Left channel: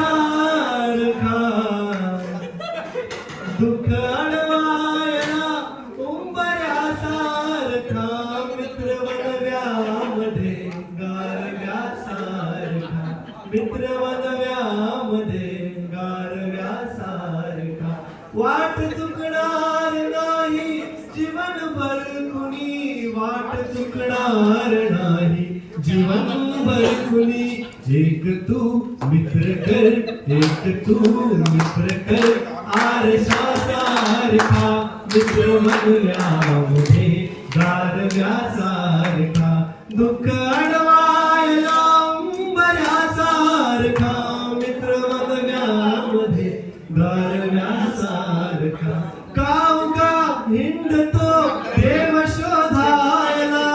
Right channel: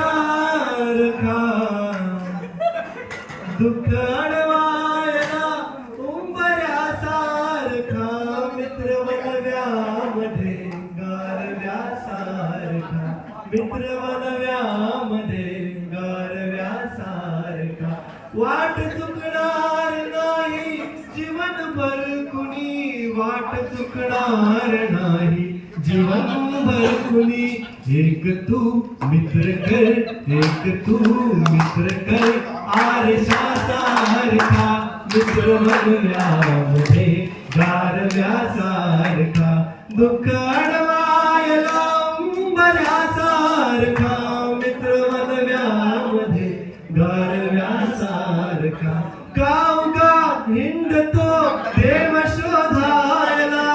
उंबऱ्यासारखा दुःख अडवायला उंबऱ्यासारखा मित्र वनव्यामध्ये गारव्यासारखा मित्र वनव्यामध्ये गारव्यासारखा वाट चुकणार नाही जीवनभर कुणी वाट चुकणार नाही जीवनभर कुणी एक तू मित्र कर एक तू मित्र कर आरशासारखा मित्र वनव्यामध्ये गारव्यासारखा दुःख अडवायला उंबऱ्यासारखा मित्र वनव्यामध्ये गारव्यासारखा गावगा हिंडतो देव शोधायला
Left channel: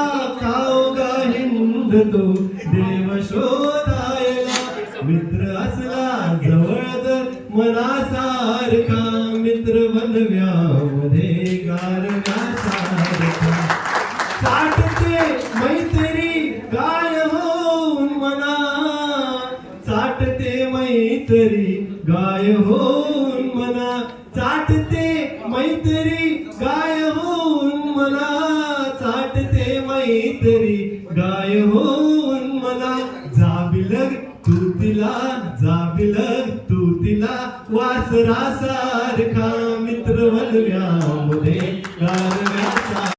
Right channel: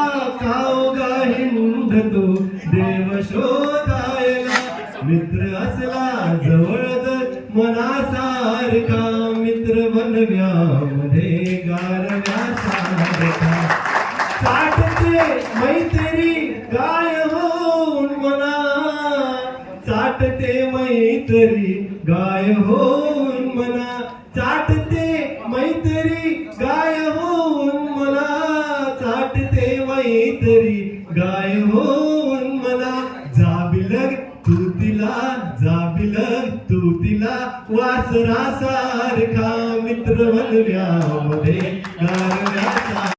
गावगा हिंडतो देव शोधायला मित्र असला जवळ तर मनासारखा मित्र वनव्यामध्ये गारव्यासारखा साठते मैत्री गाय होऊन मना चाटते मैत्री गाय होऊन मना चाटते मैत्री गाय होऊन मना चाटते मैत्री गाय होऊन मना जाबिलग तू तिला वासरासारखा मित्र वनव्यामध्ये गारव्या